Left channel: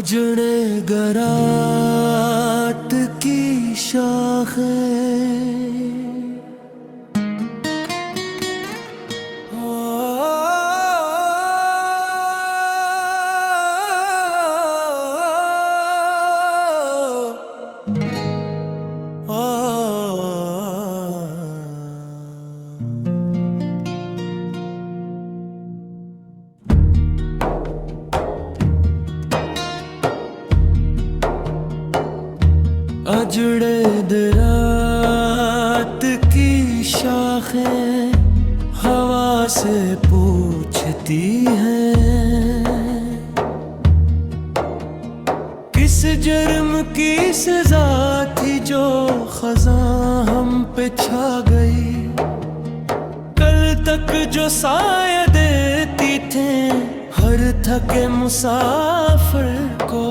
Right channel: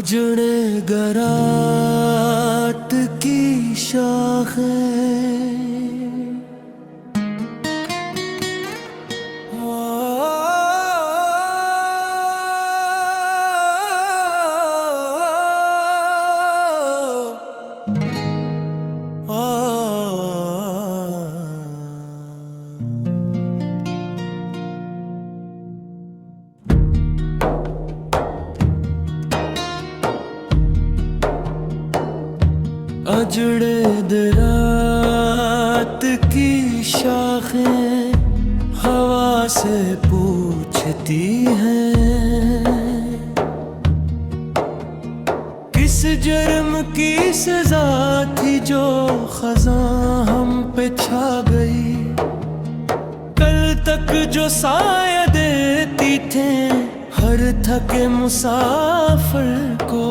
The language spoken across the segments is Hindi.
उजड़े गरात की शाखें, अजड़े दरात की शाखें हवा से पूछती हैं, किस जुर्म की सजा थी जो खज़ां हम पे छा गई। कल तक जो साया देती थे हर थके मुसाफिर को,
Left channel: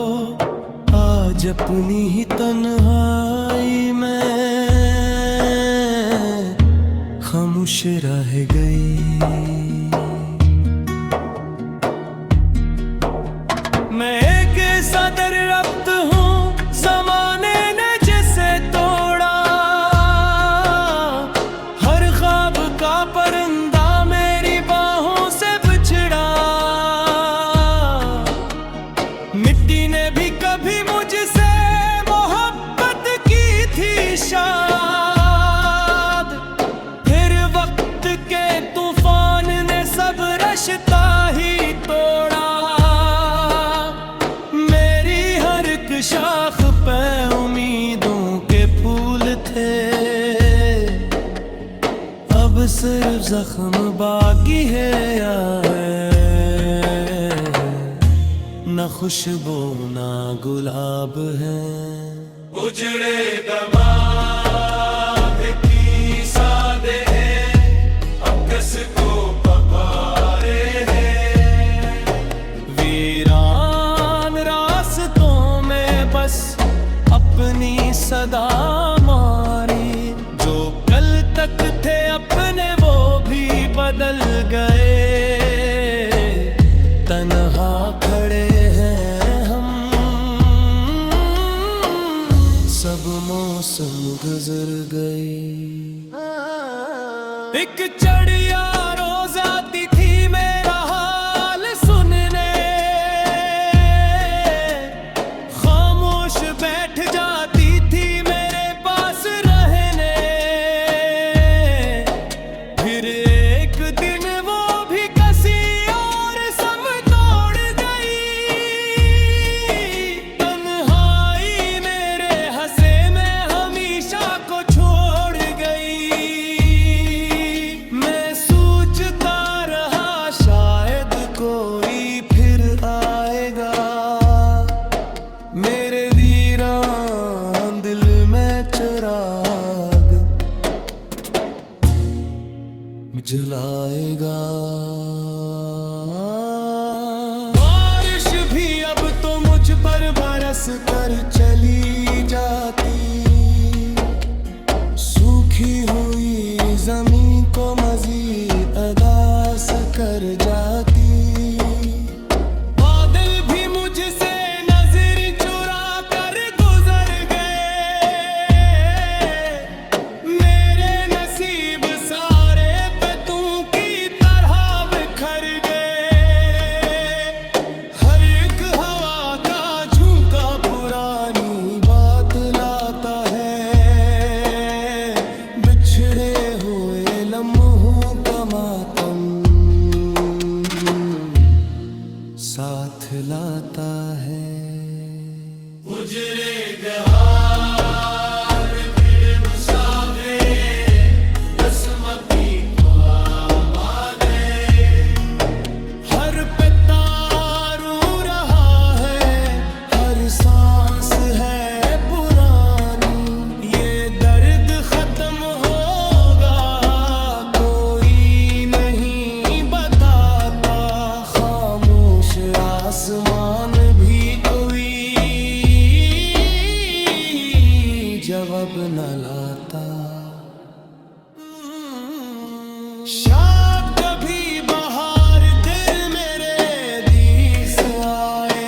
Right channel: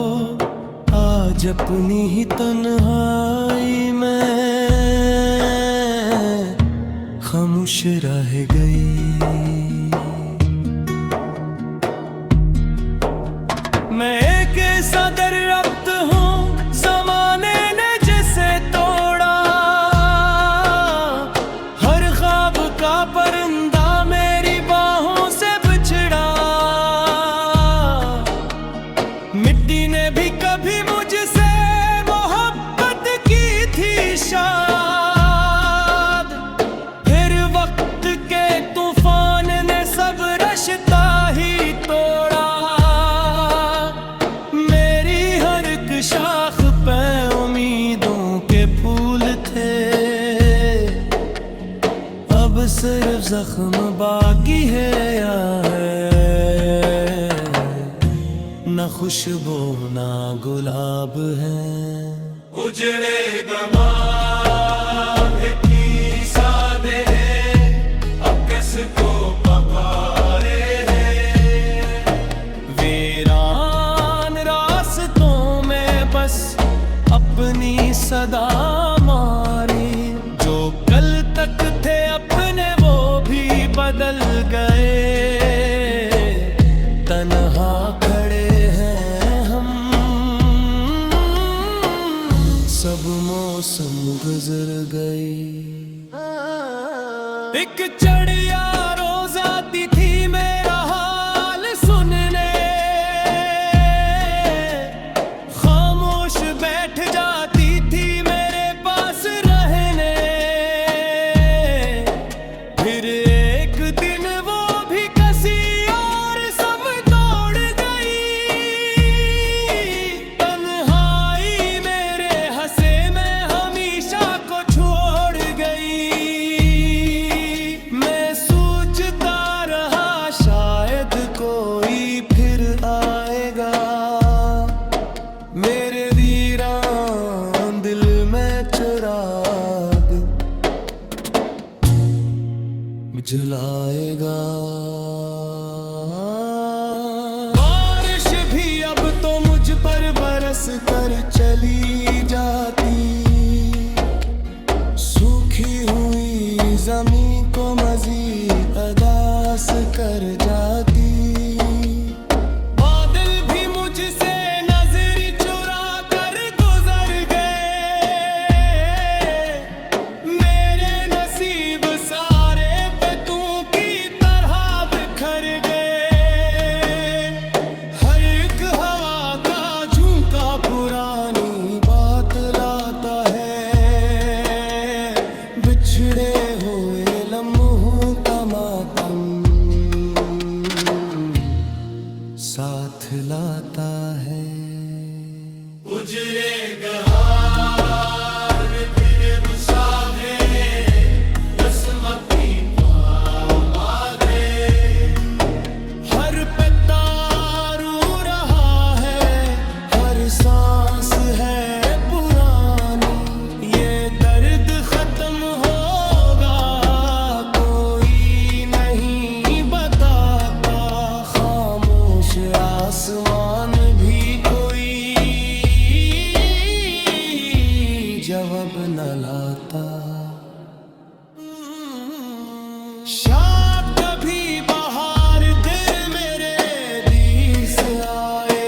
आज अपनी ही तन्हाई में खामोश रह गई। मैं एक ऐसा दरख्त हूँ ज़माने ने जिसे तोड़ा, हर ख्वाब का परिंदा मेरी बाहों से बिछड़ा। मिट्टी ने भी कभी मुझसे मोहब्बत की थी शायद, फिर वक्त के तूफान ने सब रास्ता ही तोड़ा। मेरी हर एक शाख पे उम्मीदों के फूल थे, अब सिर्फ जख्म बाकी है ना खुशबू ना गुलाब है। उजड़े दमाग की सादे अकस को पकारे हैं, वीरान रास्तों में बस अपनी सदा मारी। जो कल तक थे अपने वो भी बदल गए, तन्हा खड़े हैं हम, सब मौसम गुजर गई। एक चिड़िया रोज आती थी मेरा हाल सुनने, खामोश बैठ जाती थी मेरे पास रहने। फिर एक दिन वो भी किसी और सम तोड़ गई, तन्हाई मेरे हंसे में हमेशा को छोड़ गई। मैं सोचता रहा शायद कोई फिर आएगा, मेरे वीरान दिल में चिराग जलाएगा। बारिश भी अब तो मुझ पर बरस कर चली जाती, सूखी हुई जमीन को मजीद अदास कर जाती। बादल भी मुझसे नजर चुरा कर गुजर गए, मेरे नसीब सारे पे तू की तरह बिखर गए। हर एक हवा का झोंका पुरानी बात लाता है, बिछड़े हुए लम्हों का मातम साथ लाता है। उजड़े गहार फिर मुसाफिर बसमती ख्वामादे, हर पत्ता रू रहा है, हर सांस है पुरानी। ये दर्द खत्म होगा कोई नहीं बताता, खामोश आसमान भी कोई जवाब न लाता। शायद कभी बहार दिल मेरे दिस आए,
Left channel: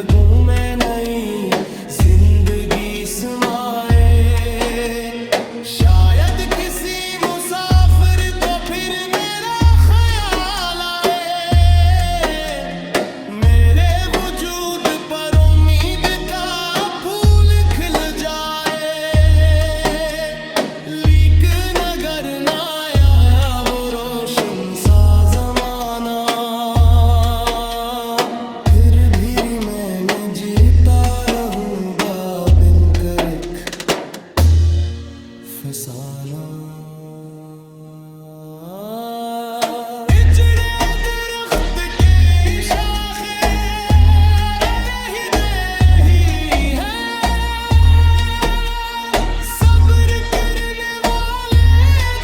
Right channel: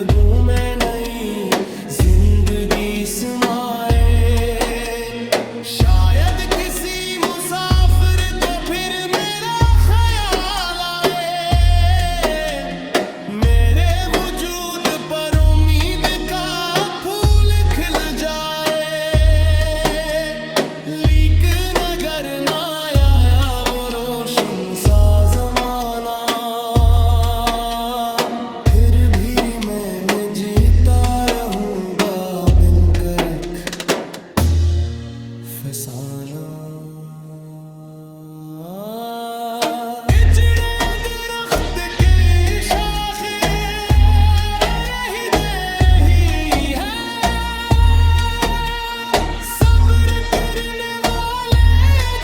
लगूं मैं नई जिंदगी समाए। शायद किसी मुसाफिर को फिर मेरा ख्याल आए, मेरे वजूद पर उम्मीद का फूल खिल जाए। लीक नगर ना आया वो रोशन सा जमाना, फिर भी मैं जीता रहूंगा बिन करक फसाना। इजड़े दरख्त के शाखें रही दे रही है, सब्र करने वाले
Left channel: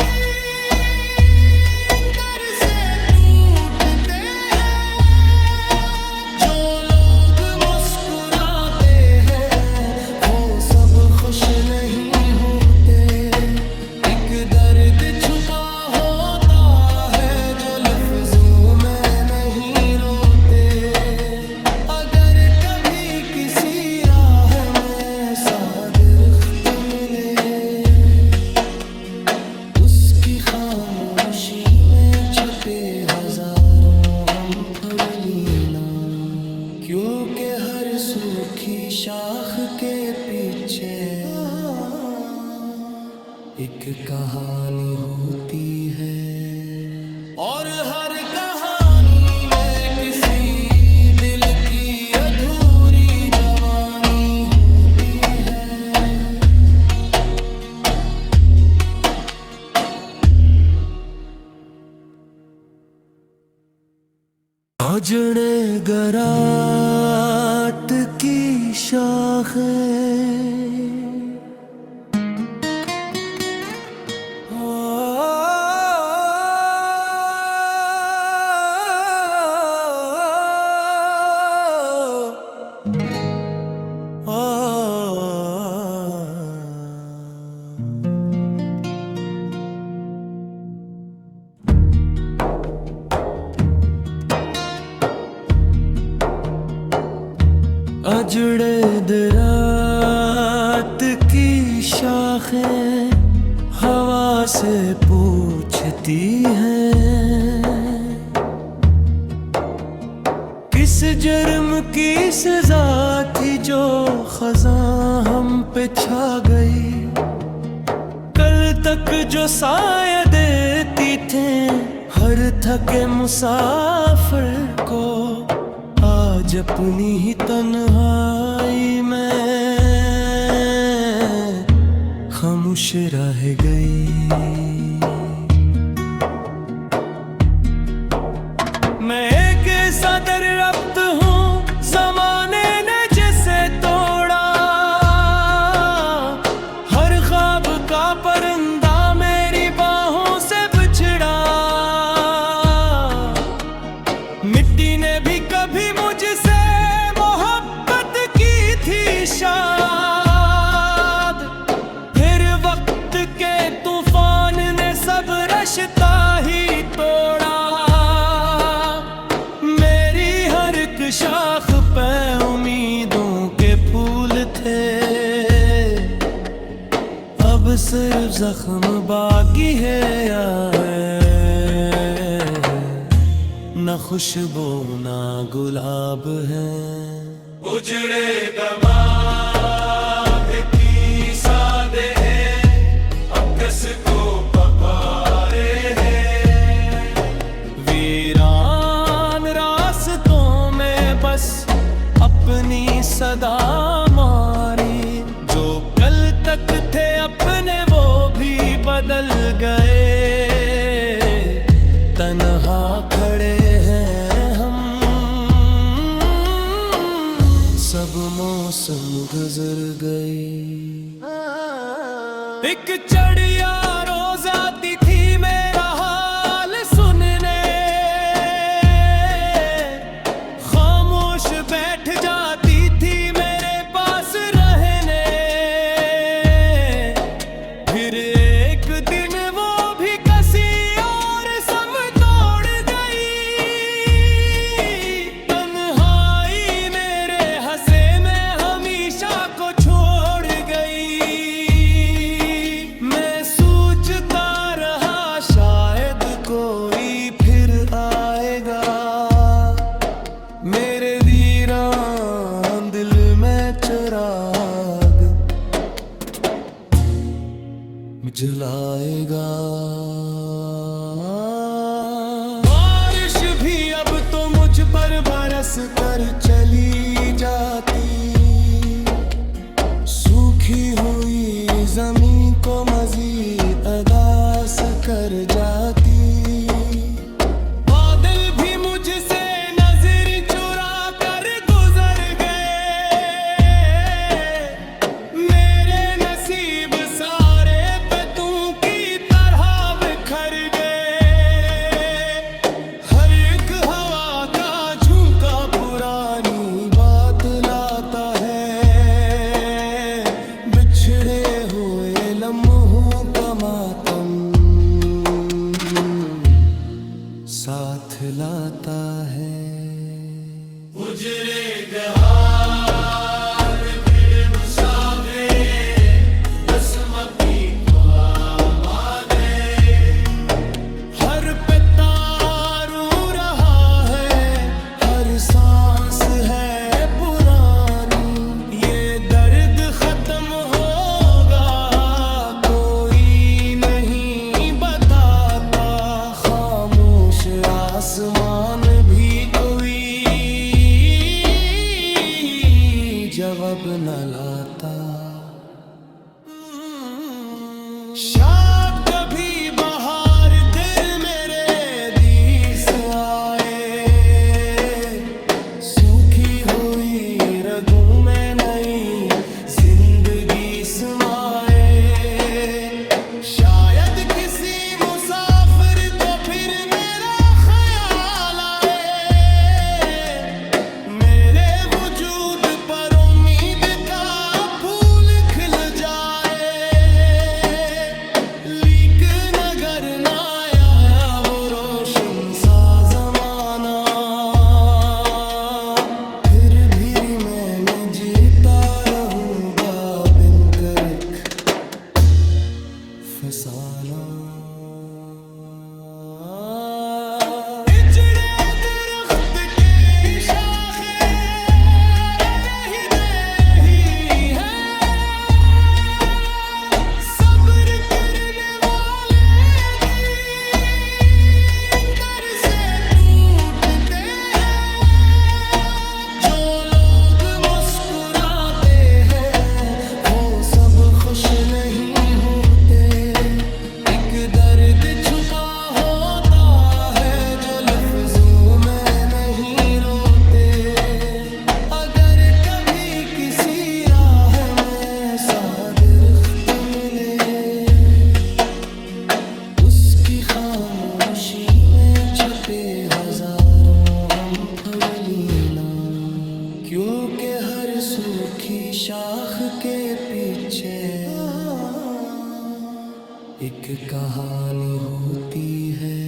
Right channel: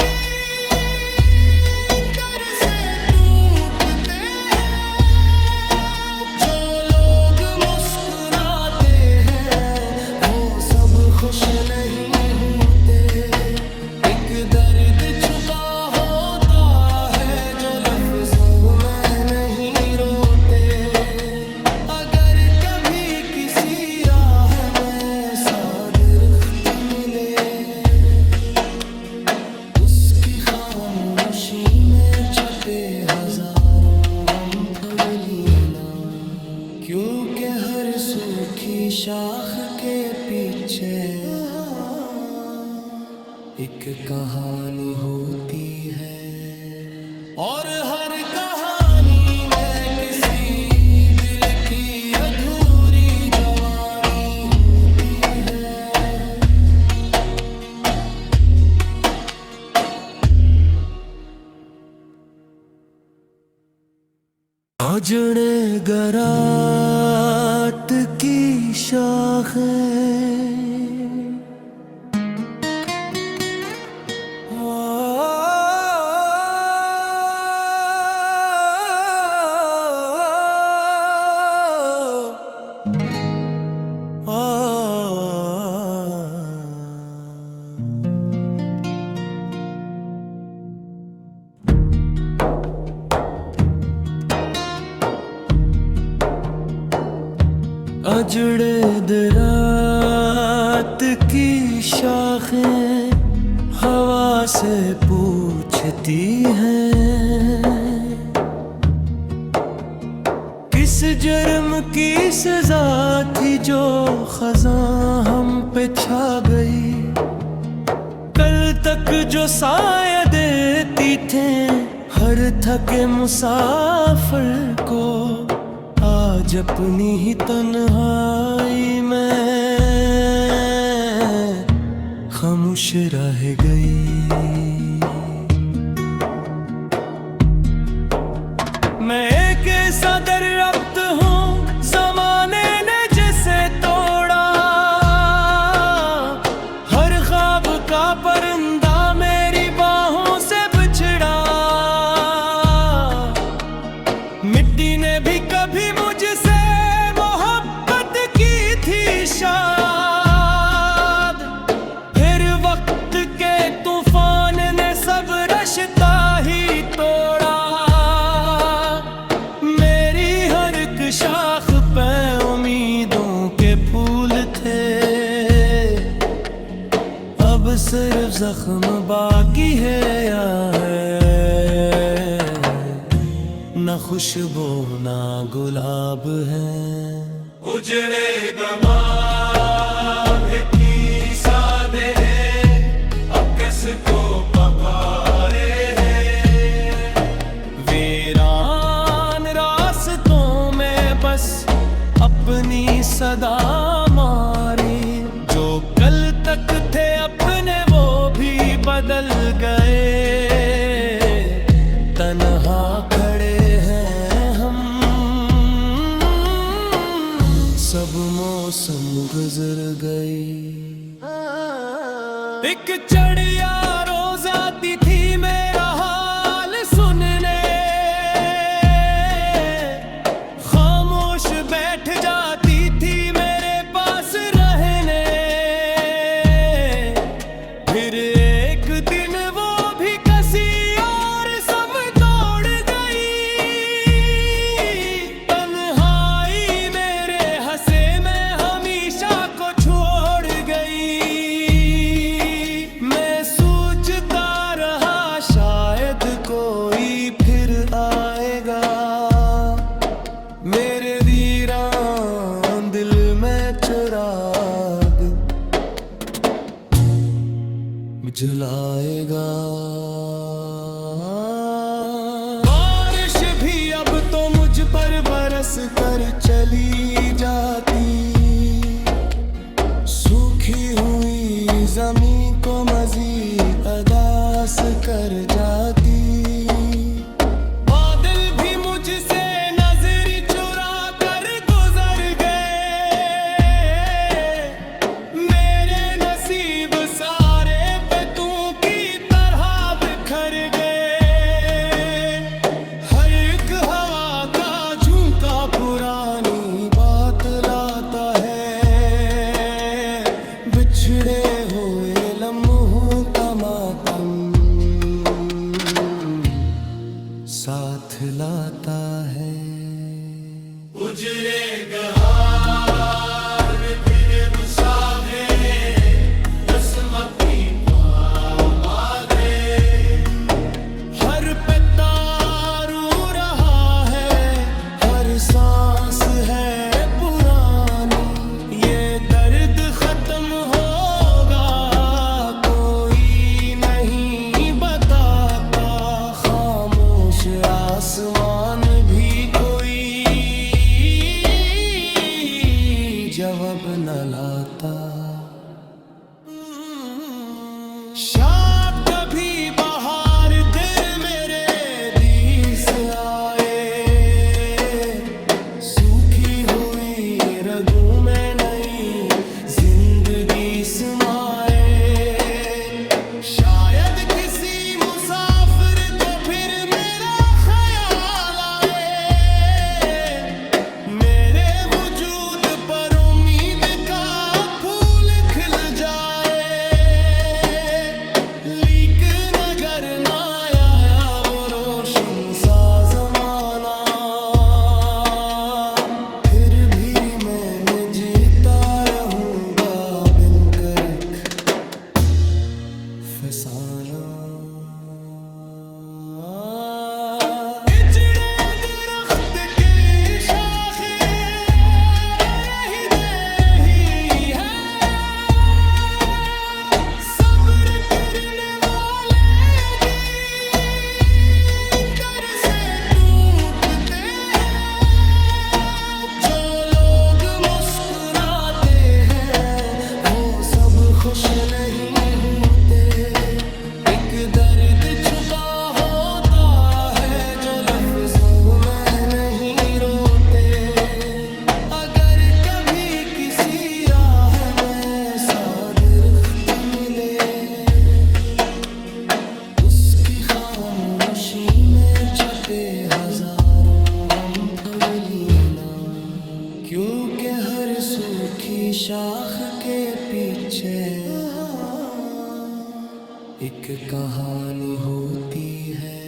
दिन दर से टूटते हैं। जो लोग मुस्कुराते हैं वो सब खुश नहीं होते। एक दर्द छुपा होता है जो लफ्जों में नहीं रोते। अगर कभी किसी राह में ऐसा दरख्त मिले, उसकी खामोशी में छपे हजारों गम पढ़ लेना, क्योंकि हर सूखी शाख के पीछे एक कहानी होती है। और हर कहानी में किसी दिल की अधूरी जवानी होती है। अजड़े गरात की शाखें अजड़े दरात की शाखें हवा से पूछती हैं, किस जुर्म की सजा थी जो खज़ां हम पे छा गई। कल तक जो साया देती थे हर थके मुसाफिर को, आज अपनी ही तन्हाई में खामोश रह गई। मैं एक ऐसा दरख्त हूँ ज़माने ने जिसे तोड़ा, हर ख्वाब का परिंदा मेरी बाहों से बिछड़ा। मिट्टी ने भी कभी मुझसे मोहब्बत की थी शायद, फिर वक्त के तूफान ने सब रिश्ता ही तोड़ा। मेरी हर एक शाख पे उम्मीदों के फूल थे, अब सिर्फ जख्म बाकी है यार, न खुशबू ना गुलाब है। उजड़े दमाग की सादे अब किसको पकारे हैं। वीरान रास्तों में बस अपनी सदा मारी, जो कल तक थे अपने वो भी बदल गए। तन्हा खड़े हैं हम, सब मौसम गुजर गई। एक चिड़िया रोज आती थी मेरा हाल सुनने, खामोश बैठ जाती थी मेरे पास रहने। फिर एक दिन वो भी किसी और सम तोड़ गई। तन्हाई मेरे जलाएगा। बारिश भी अब तो मुझ पर बरस कर चली जाती, सूखी हुई जमीन को मजीद अदास कर जाती। बादल भी मुझसे नजर चुरा कर गुजर गए, मेरे नसीब सारे पतों की तरह बिखर गए। हर एक हवा का झोंका पुरानी बात लाता है, बिछड़े हुए लम्हों का मातम साथ लाता है। उजरे गहार फिर मुसाफिर असमती मारे, हर पत्ता रो रहा है, हर सांस है पुरानी। ये दर्द खत्म होगा कोई नहीं बताता, खामोश आसमान भी कोई जवाब न लाता। शायद कभी बाहर दिल मेरे दिस आए, सूखी हुई रगों में नई जिंदगी समाए। शायद किसी मुसाफिर को फिर मेरा ख्याल आए, मेरे वजूद पर उम्मीद का फूल खिल जाए। लेकिन अगर ना आया वो रोशन सा जमाना, फिर भी मैं जीता रहूंगा बिन कर फसाना। इजड़े दरख्त की शाखें रही दे रही है, सब्र करने वाले दिन दर से टूटते हैं। जो लोग मुस्कुराते हैं वो सब खुश नहीं होते, एक दर्द छुपा होता है जो लफ्जों में नहीं रोते। अगर कभी किसी राह में साबिर मिले, उसकी खामोशी में छपे हजारों गम पढ़ लेना, क्योंकि हर सूखी शाख के पीछे एक कहानी होती है,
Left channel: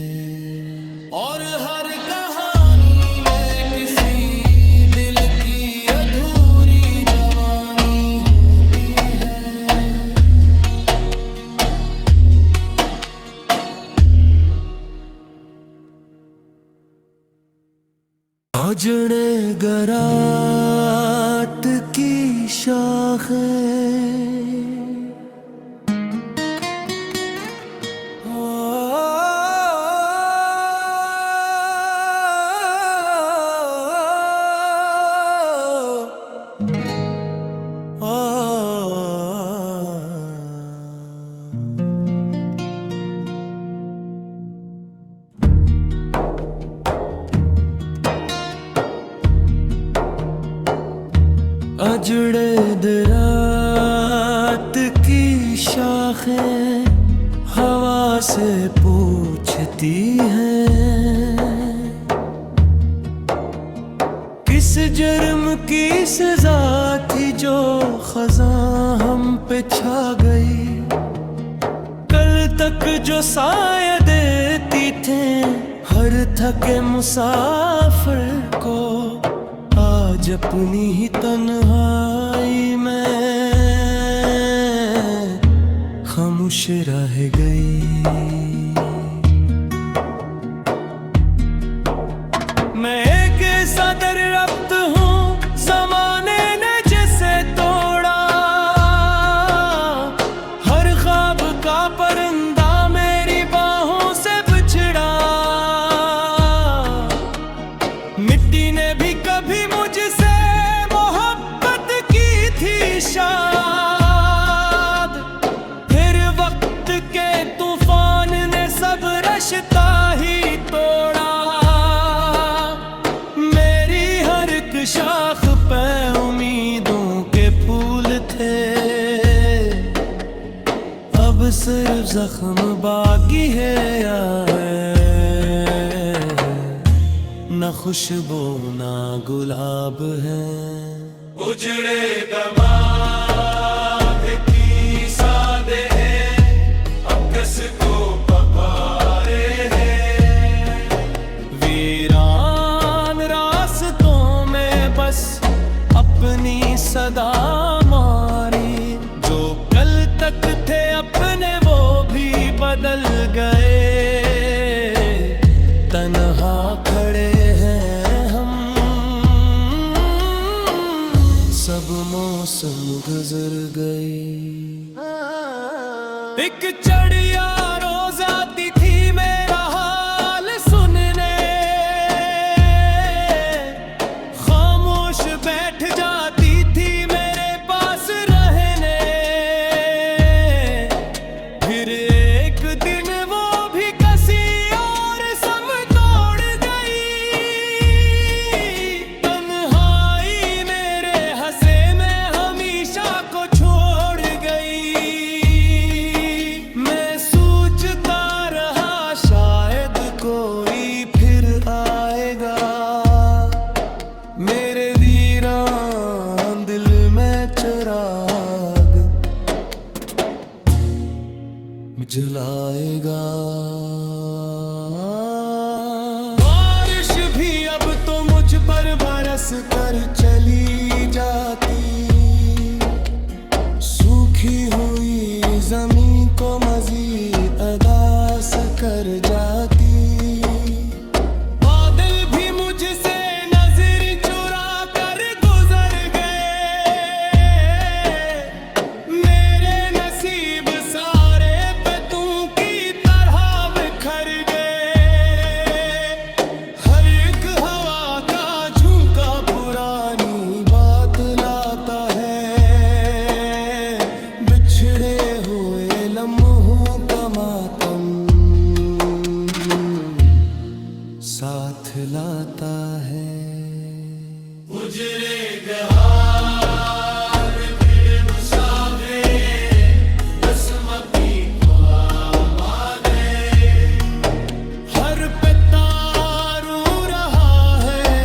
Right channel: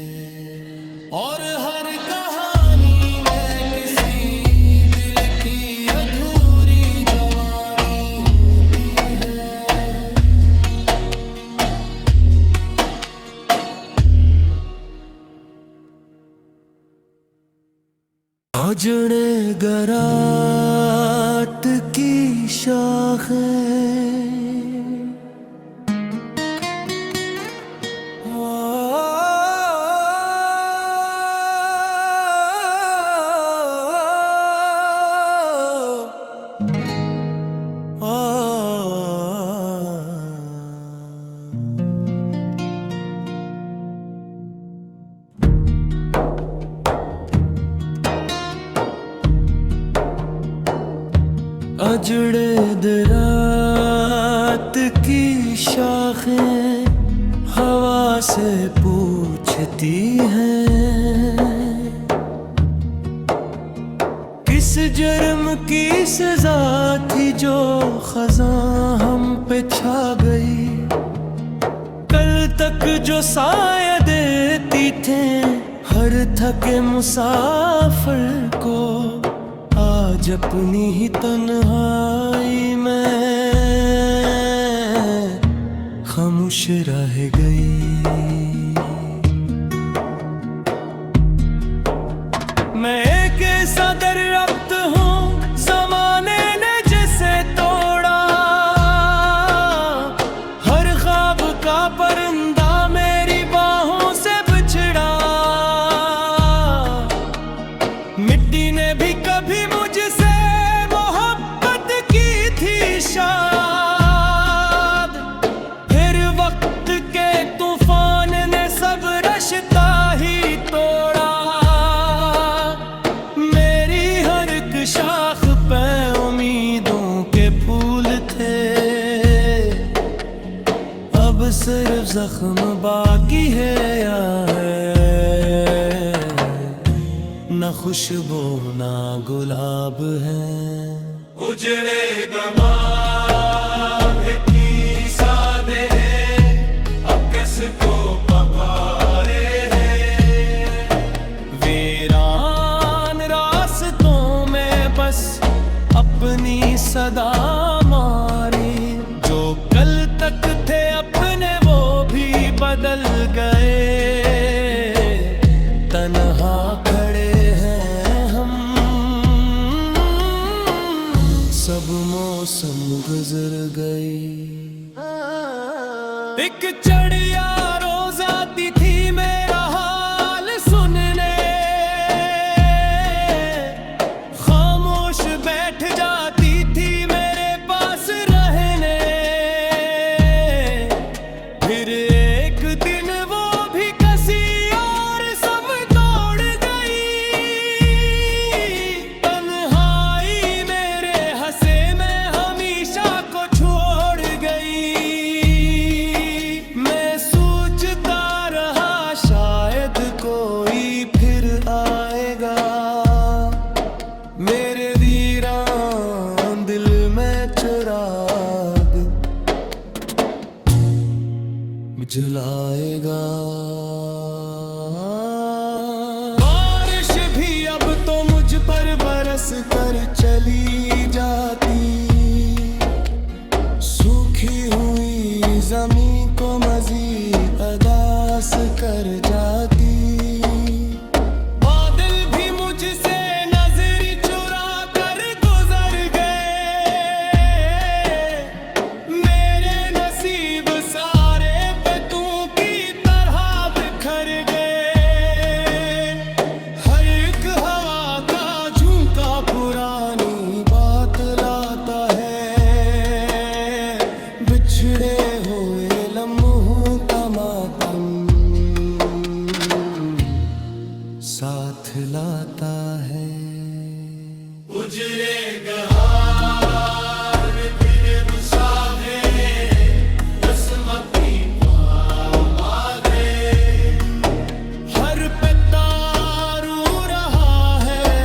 और हर कहानी में किसी दिल की अधूरी जवानी होती है। उजड़े गरात की शाखें अजड़े दरात की शाखें हवा से पूछती हैं, किस जुर्म की सजा थी जो खज़ां हम पे छा गई। कल तक जो साया देती थे हर थके मुसाफिर को, आज अपनी ही तन्हाई में खामोश रह गई। मैं एक ऐसा दरख्त हूँ ज़माने ने जिसे तोड़ा, हर ख्वाब का मिट्टी ने भी कभी मुझसे मोहब्बत की थी शायद, फिर वक्त के तूफान ने सब रास्ता ही तोड़ा। मेरी हर एक शाख पे उम्मीदों के फूल थे, अब सिर्फ जख्म बाकी है यार, न खुशबू ना गुलाब है। उजड़े दमाग की सादे अब किसको पकारे हैं, वीरान रास्तों में बस अपनी सदा मारी। जो कल तक थे अपने वो भी बदल गए, तन्हा खड़े हैं हम, सब मौसम गुजर गई। एक चिड़िया रोज आती थी मेरा हाल सुनने, खामोश बैठ जाती थी मेरे पास रहने। फिर एक दिन वो भी किसी और सम तोड़ गई, तन्हाई मेरे हंसे में हमेशा को छोड़ गई। मैं सोचता रहा शायद कोई फिर आएगा, मेरे वीरान दिल में चिराग जलाएगा। बारिश भी अब तो मुझ पर बरस कर चली जाती, सूखी हुई जमीन को मजीद अदास कर जाती। बादल भी मुझसे नजर चुरा कर गुजर गए, मेरे नसीब सारे पत्तों की तरह बिखर गए। हर एक हवा का झोंका पुरानी बात लाता है, बिछड़े हुए लम्हों का मातम साथ लाता है। उजड़े गहार दिल मुसाफिर असमती ख्वामादे, हर पत्ता रो रहा है,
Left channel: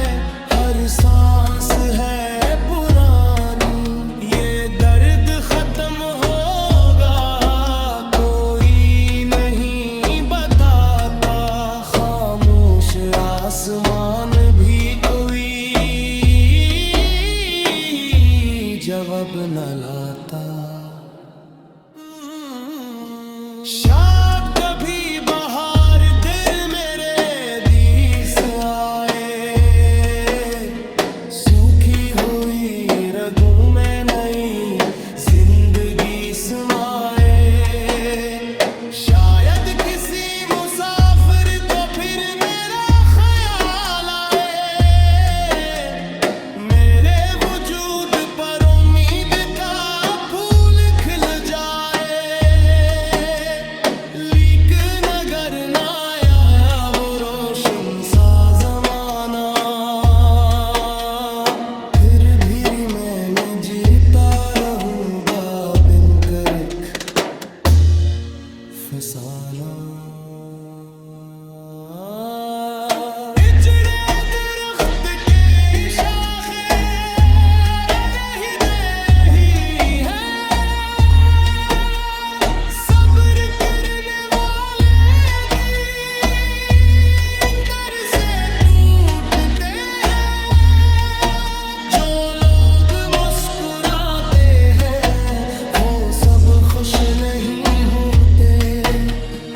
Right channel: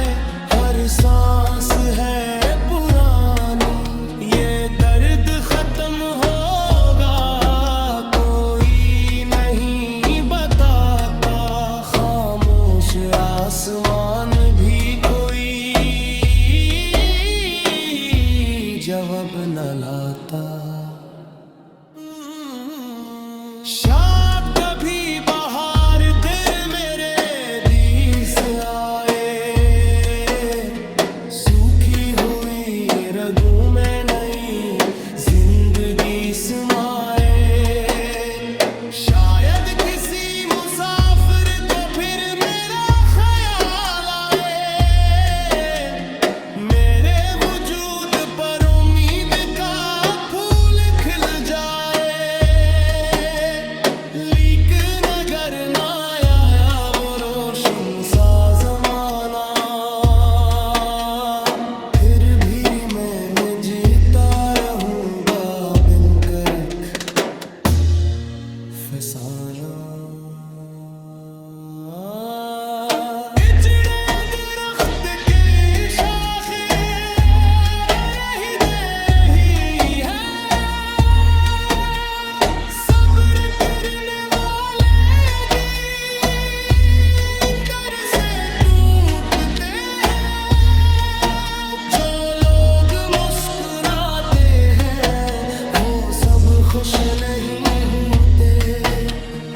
हर सांस है पुरानी। ये दर्द खत्म होगा कोई नहीं बताता, खामोश आसमान भी कोई जवाब न लाता। शायद कभी बाहर दिल मेरे दिस आए, सूखी हुई रगों में नई जिंदगी समाए। शायद किसी मुसाफिर को फिर मेरा ख्याल आए, मेरे वजूद पर उम्मीद का फूल खिल जाए। लेकिन अगर ना आया वो रोशन सा जमाना, फिर भी मैं जीता रहूंगा बिन कर फसाना। दरख्त के शाखें रही दे रही है, सब्र करने वाले दिन दर से टूटते हैं। जो लोग मुस्कुराते हैं वो सब खुश नहीं होते,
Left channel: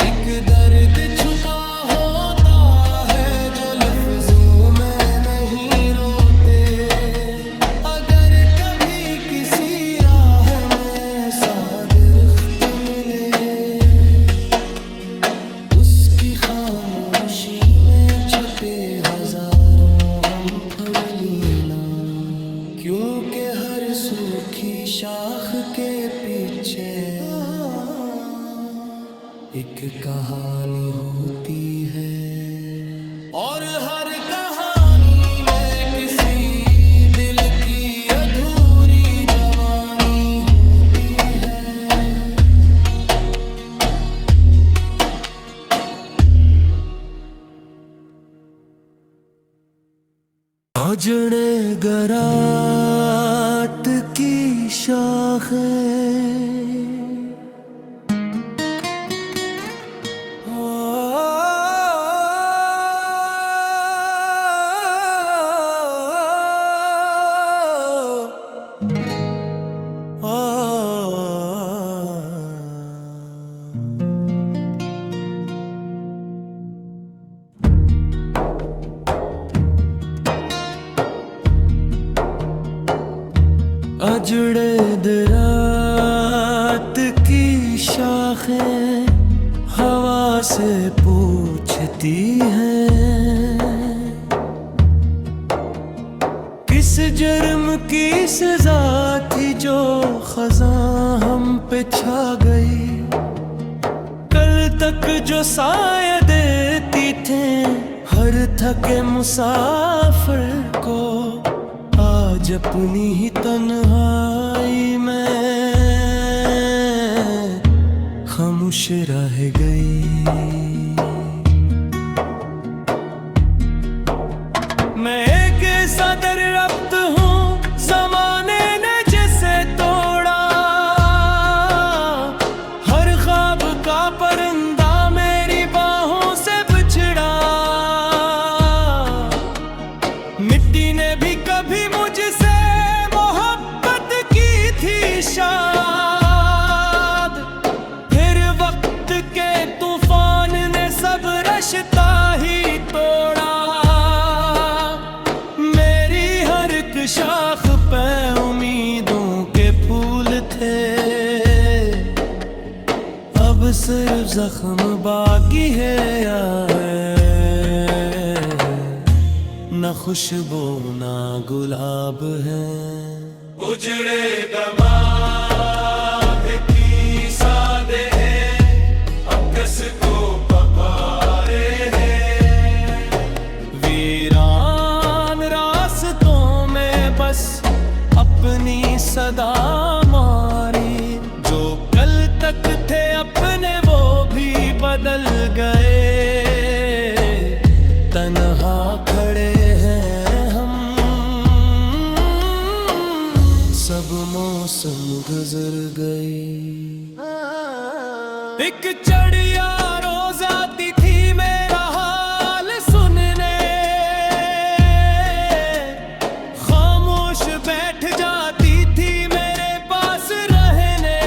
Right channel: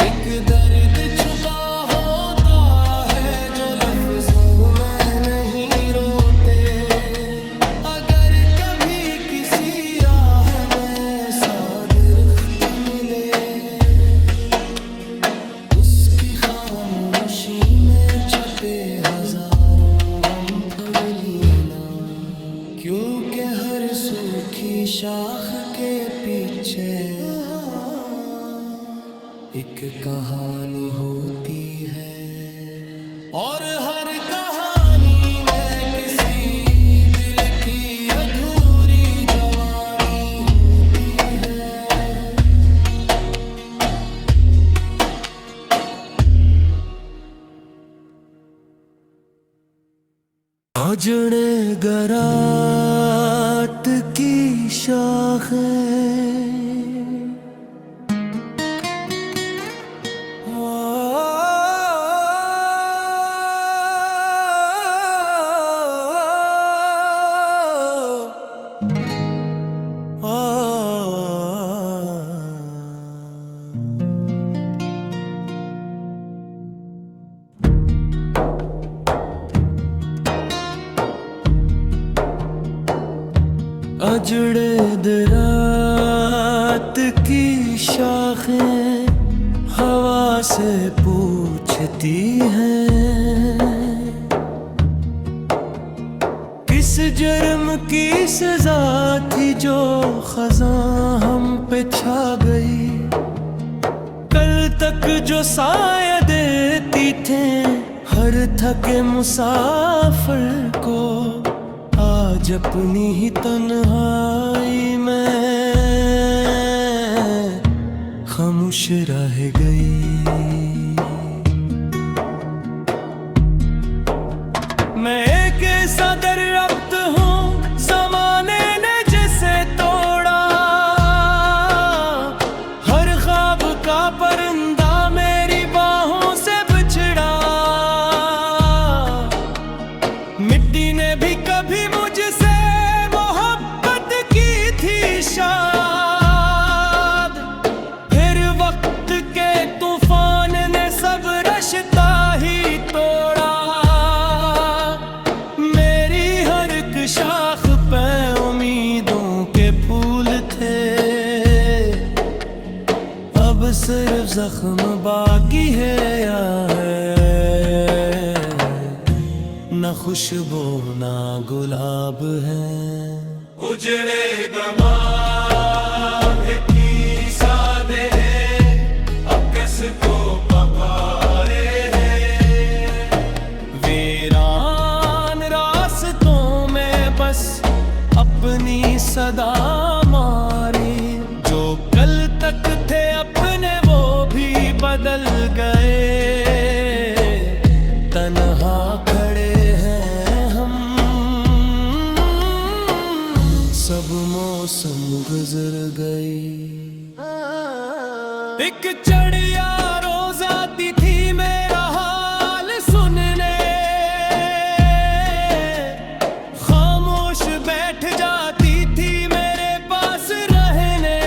एक दर्द छुपा होता है जो लफ्जों में नहीं रोते। अगर कभी किसी राह में ऐसा दरख्त मिले, उसकी खामोशी खामोशी में छपे हजारों गम पढ़ लेना, क्योंकि हर सूखी शाख के पीछे एक कहानी होती है, और हर कहानी में किसी दिल की अधूरी जवानी होती है। आजड़े गरात की शाखें, अजड़े दरात की शाखें हवा से पूछती हैं, किस जुर्म की सजा थी जो खज़ां हम पे छा गई। कल तक जो साया देती थे हर थके मुसाफिर को, आज अपनी ही तन्हाई में खामोश रह गई। मैं एक ऐसा दरख्त हूँ ज़माने ने जिसे तोड़ा, हर ख्वाब का परिंदा मेरी बाहों से बिछड़ा। मिट्टी ने भी कभी मुझसे मोहब्बत की थी शायद, फिर वक्त के तूफान ने सब रश्ता ही तोड़ा। मेरी हर एक शाख पे उम्मीदों के फूल थे, अब सिर्फ जख्म बाकी है या न खुशबू ना गुलाब है। उजड़े दमाग की सादे अकस को पकारे हैं, वीरान रास्तों में बस अपनी सदा मारी। जो कल तक थे अपने वो भी बदल गए, तन्हा खड़े हैं हम, सब मौसम गुजर गई। एक चिड़िया रोज आती थी मेरा हाल सुनने, खामोश बैठ जाती थी मेरे पास रहने।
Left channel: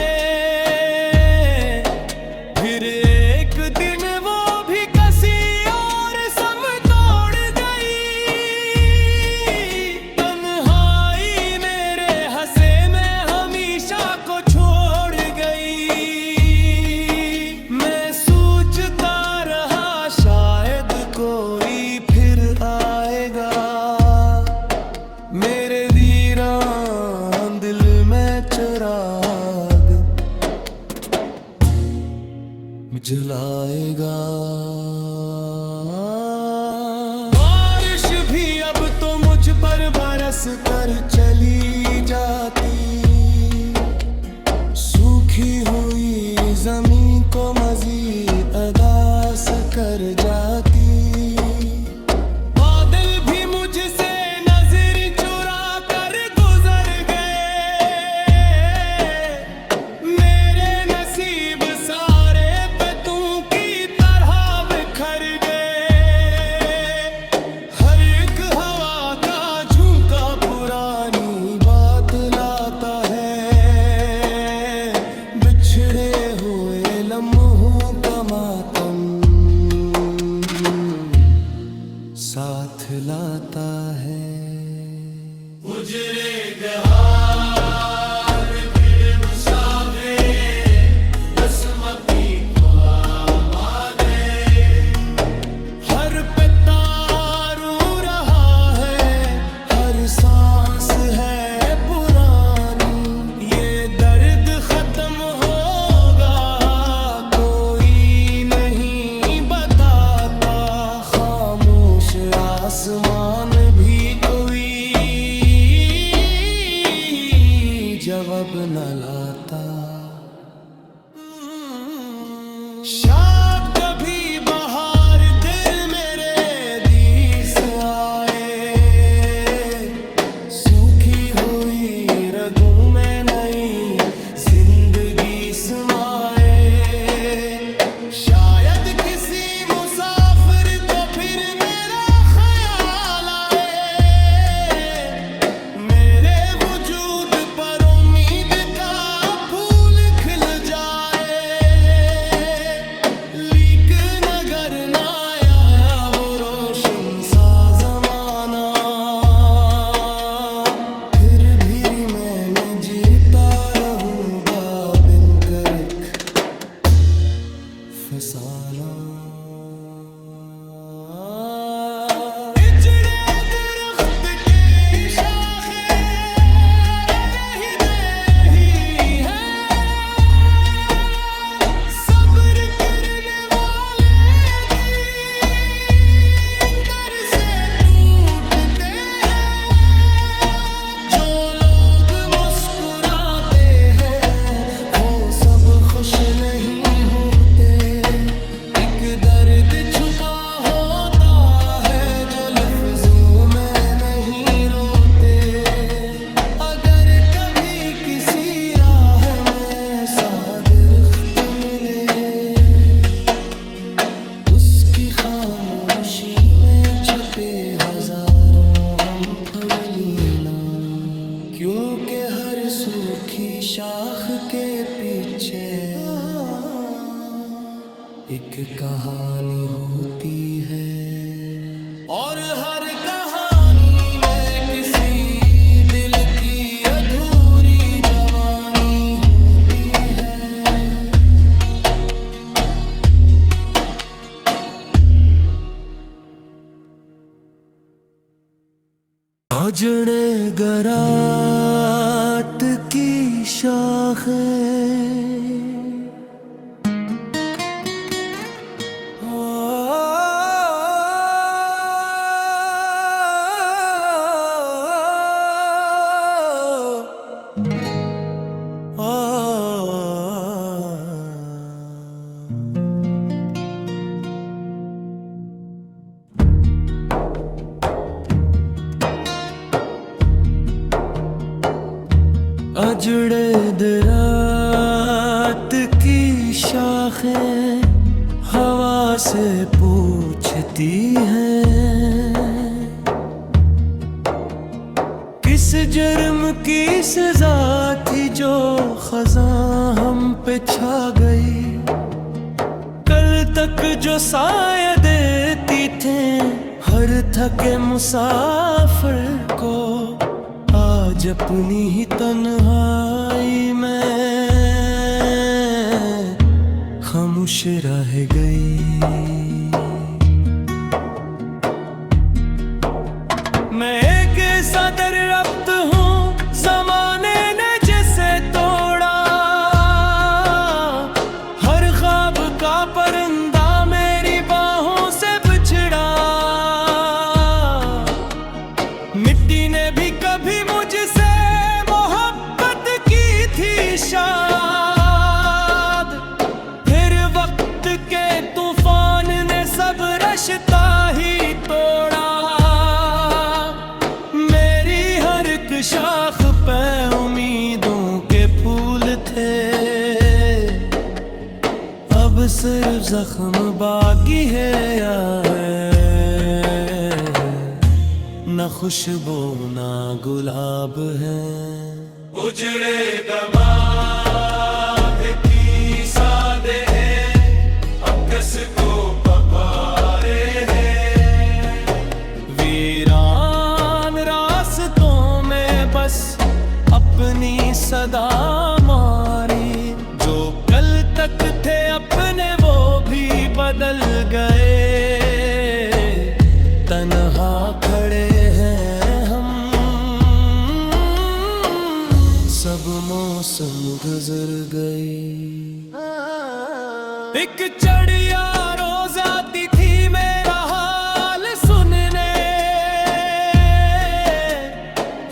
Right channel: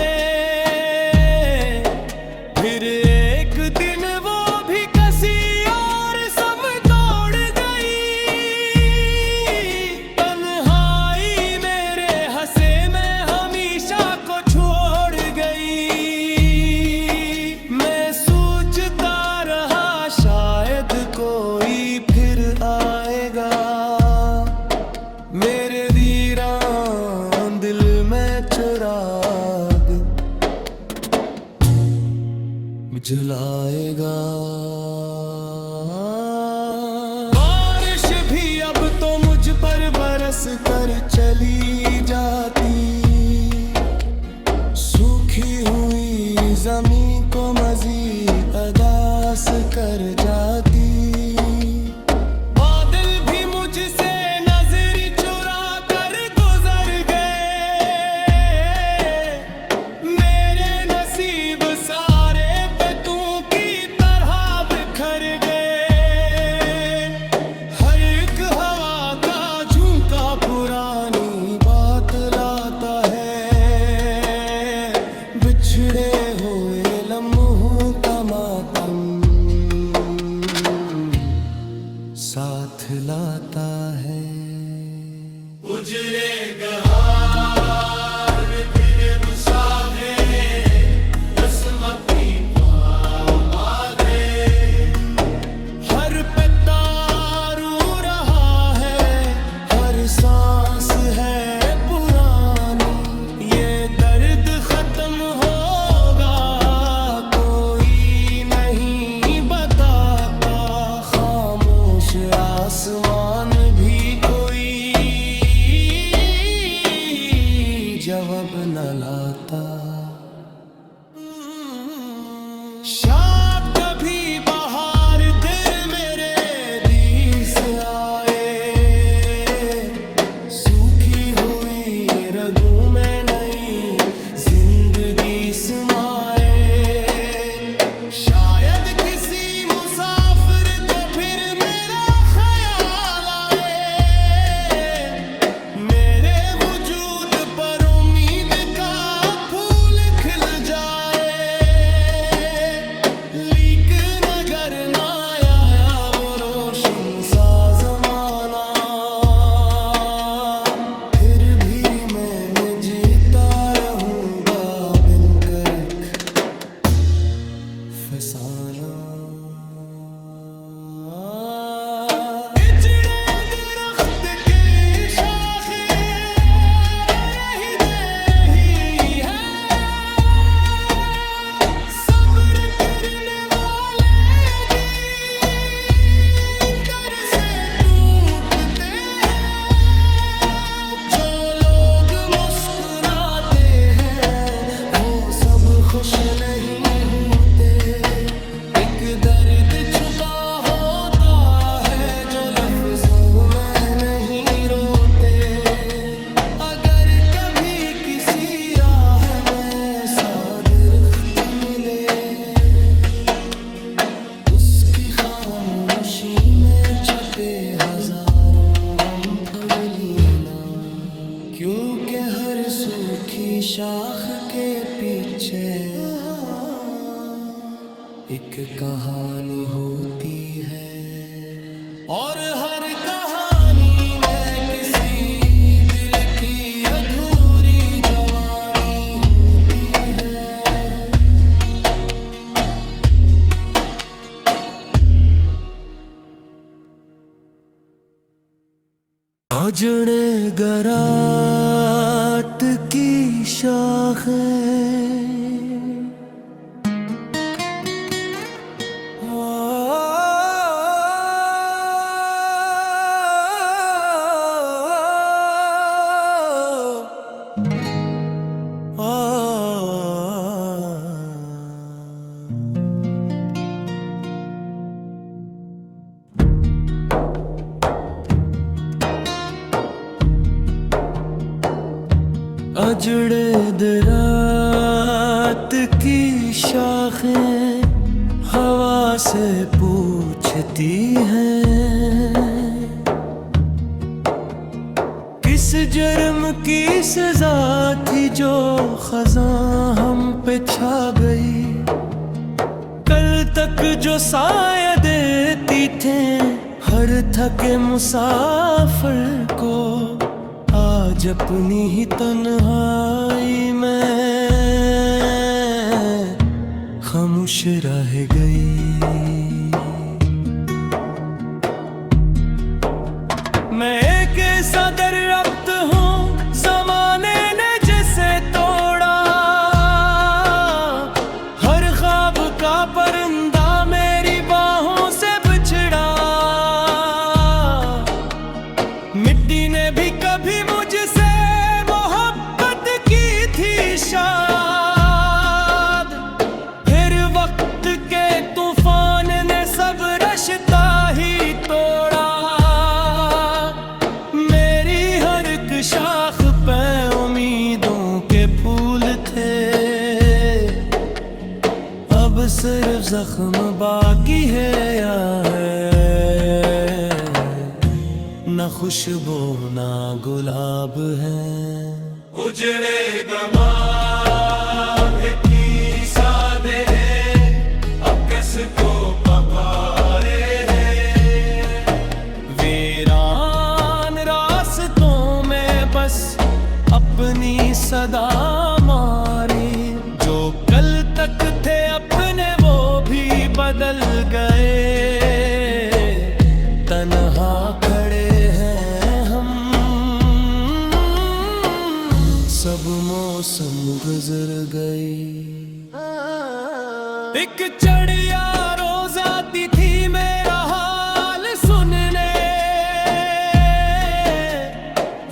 फिर एक दिन वो भी किसी और सम तोड़ गई। तन्हाई मेरे हंसे में हमेशा को छोड़ गई। मैं सोचता रहा शायद कोई फिर आएगा, मेरे वीरान दिल में चिराग जलाएगा। बारिश भी अब तो मुझ पर बरस कर चली जाती, सूखी हुई जमीन को मजीद अदास कर जाती। बादल भी मुझसे नजर चुरा कर गुजर गए, मेरे नसीब सारे पतों की तरह बिखर गए। हर एक हवा का झोंका पुरानी बात लाता है, बिछड़े हुए लम्हों का मातम साथ लाता है। उजरे गहार फिर मुसाफिर असमती ख्वामादे, हर अब न लाता। शायद कभी बाहर दिल मेरे दीस आए, सूखी हुई रगों में नई जिंदगी समाए। शायद किसी मुसाफिर को फिर मेरा ख्याल आए, मेरे वजूद पर उम्मीद का फूल खिल जाए। लेकिन अगर ना आया वो रोशन सा जमाना, फिर भी मैं जीता रहूंगा बिन करक फसाना। इजड़े दरख्त के शाखें रही दे रही है, सब्र करने वाले दिन दर से टूटते हैं। जो लोग मुस्कुराते हैं वो सब खुश नहीं होते। एक दर्द छुपा होता है जो लफ्जों में नहीं रोते। अगर कभी किसी राह में साबिर मिले, उसकी खामोशी में छपे हजारों गम पढ़ लेना। क्योंकि हर सूखी शाख के पीछे एक कहानी होती है, और हर कहानी में किसी दिल की अधूरी जवानी होती है। उजड़े गरात की शाखें, अजड़े दरात की शाखें हवा से पूछती हैं, किस जुर्म की सजा थी जो खज़ां हम पे छा गई। कल तक जो साया देती थे हर थके मुसाफिर को, आज अपनी ही तन्हाई में खामोश रह गई। मैं एक ऐसा दरख्त हूँ ज़माने ने जिसे तोड़ा, हर ख्वाब का परिंदा मेरी बाहों से बिछड़ा। मिट्टी ने भी कभी मुझसे मोहब्बत की थी शायद, फिर वक्त के तूफान ने सब रश्ता ही तोड़ा। मेरी हर एक शाख पे उम्मीदों के फूल थे, अब सिर्फ जख्म बाकी है या है, ना खुशबू ना गुलाब है। उजड़े दमाग की सादे अकस को पकारे हैं, वीरान रास्तों में बस अपनी सदा मारी। जो कल तक थे अपने वो भी बदल गए, तन्हा खड़े हैं हम। सब मौसम गुजर गई। एक चिड़िया रोज आती थी मेरा हाल सुनने,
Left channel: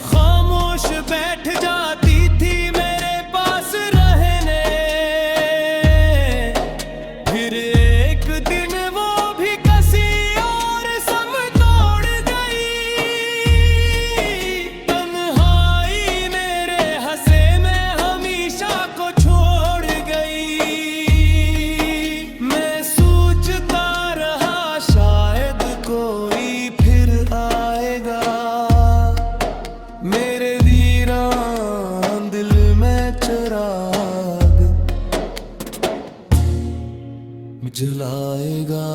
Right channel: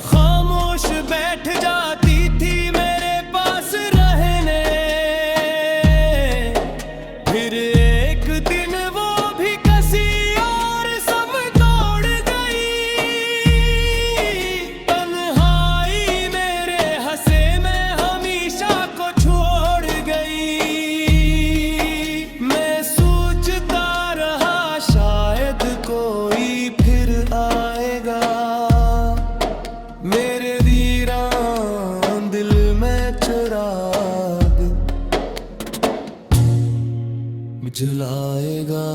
खामोश बैठ जाती थी मेरे जलाएगा।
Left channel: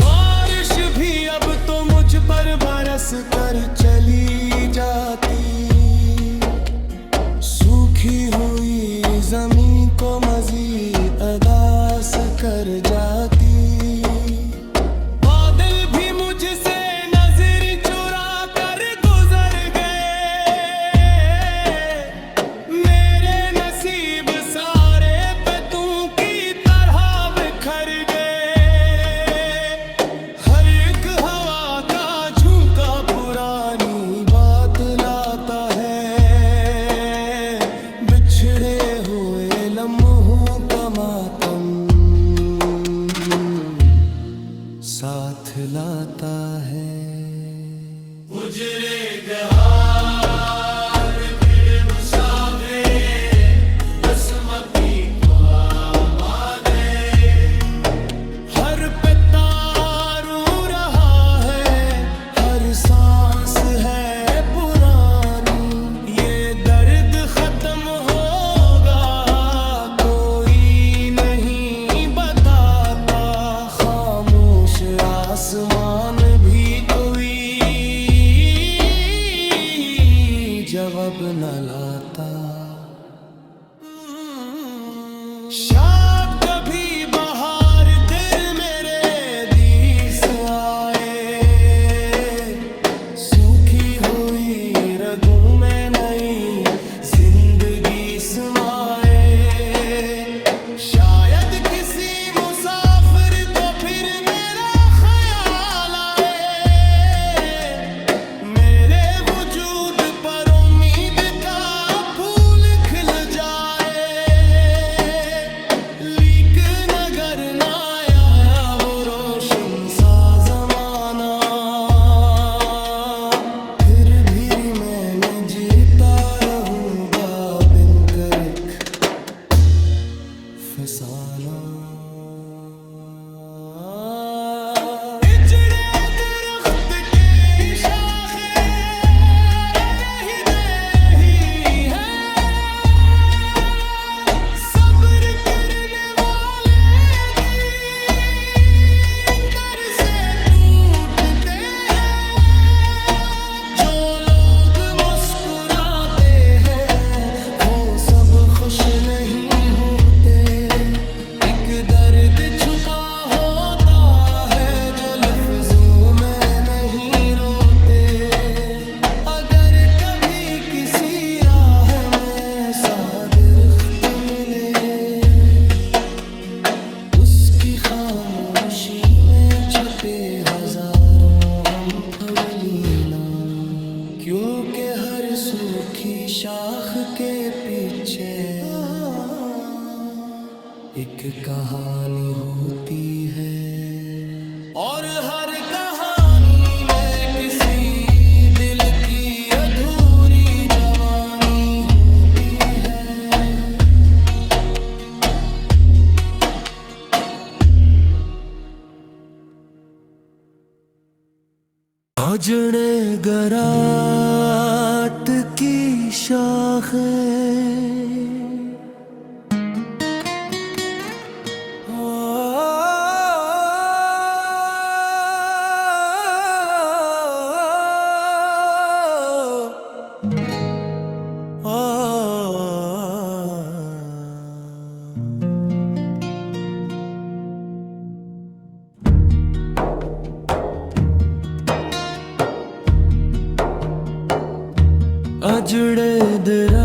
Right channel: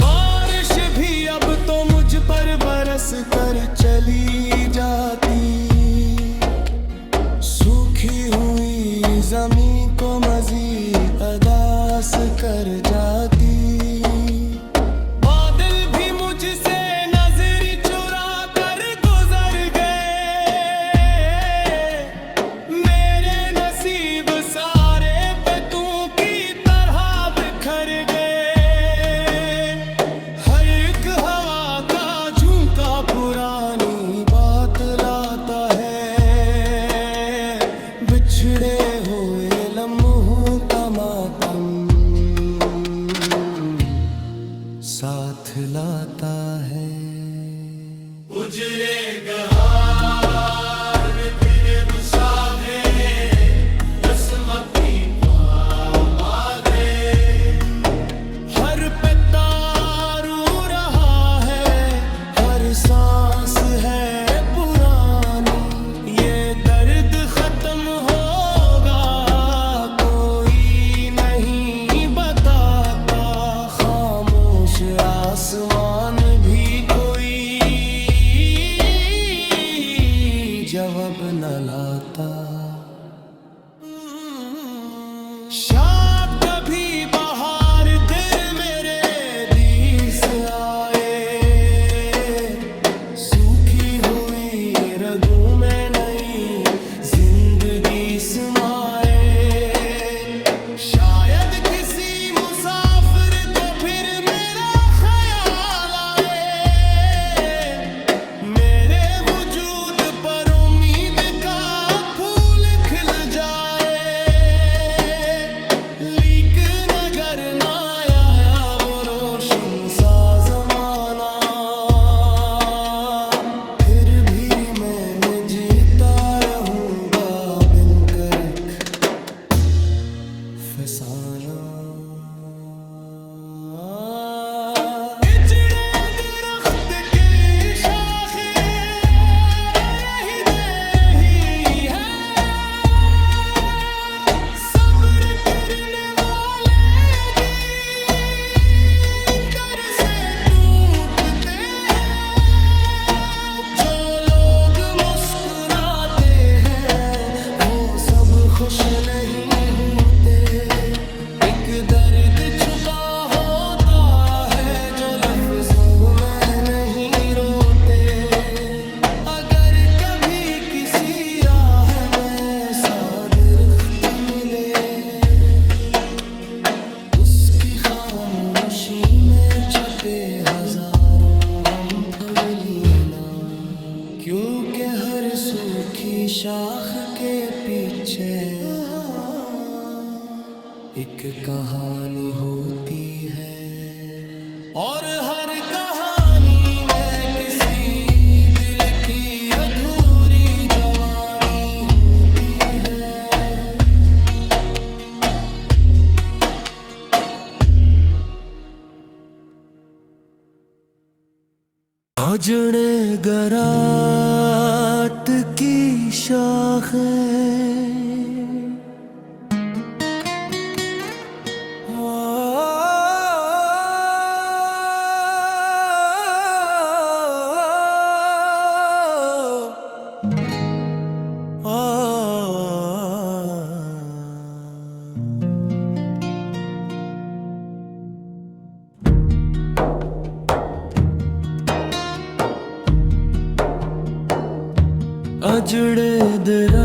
बारिश भी अब तो मुझ पर बरस कर चली जाती, सूखी हुई जमीन को मजीद अदास कर जाती। बादल भी मुझसे नजर चुरा कर गुजर गए, मेरे नसीब सारे पे तू की तरह बिखर गए। हर एक हवा का झोंका पुरानी बात लाता है, बिछड़े हुए लम्हों का मातम साथ लाता है। उजरे गहार फिर मुसाफे बसमती मारे, हर पत्ता रू रहा है, हर सांस है पुरानी। ये दर्द खत्म होगा कोई नहीं बताता, खामोश आसमान भी कोई जवाब न लाता। शायद कभी बाहर दिल मेरे दिस आए, सूखी हुई रगों में नई जिंदगी समाए। शायद किसी मुसाफिर को फिर मेरा ख्याल आए, मेरे वजूद पर उम्मीद का फूल खिल जाए। लेकिन अगर ना आया वो रोशन सा जमाना, फिर भी मैं जीता रहूंगा बिन कर फसाना। इजड़े दरख्त की शाखें रही दे रही है, सब्र करने वाले दिन दर से टूटते हैं। जो लोग मुस्कुराते हैं वो सब खुश नहीं होते, एक दर्द छुपा होता है जो लफ्जों में नहीं रोते। अगर कभी किसी राह में ऐसा दरख्त मिले, उसकी खामोशी में छपे हजारों गम पढ़ लेना, क्योंकि हर सूखी शाख के पीछे एक कहानी होती है, और हर कहानी में किसी दिल की अधूरी जवानी होती है। अजड़े गरात की शाखें अजड़े दरा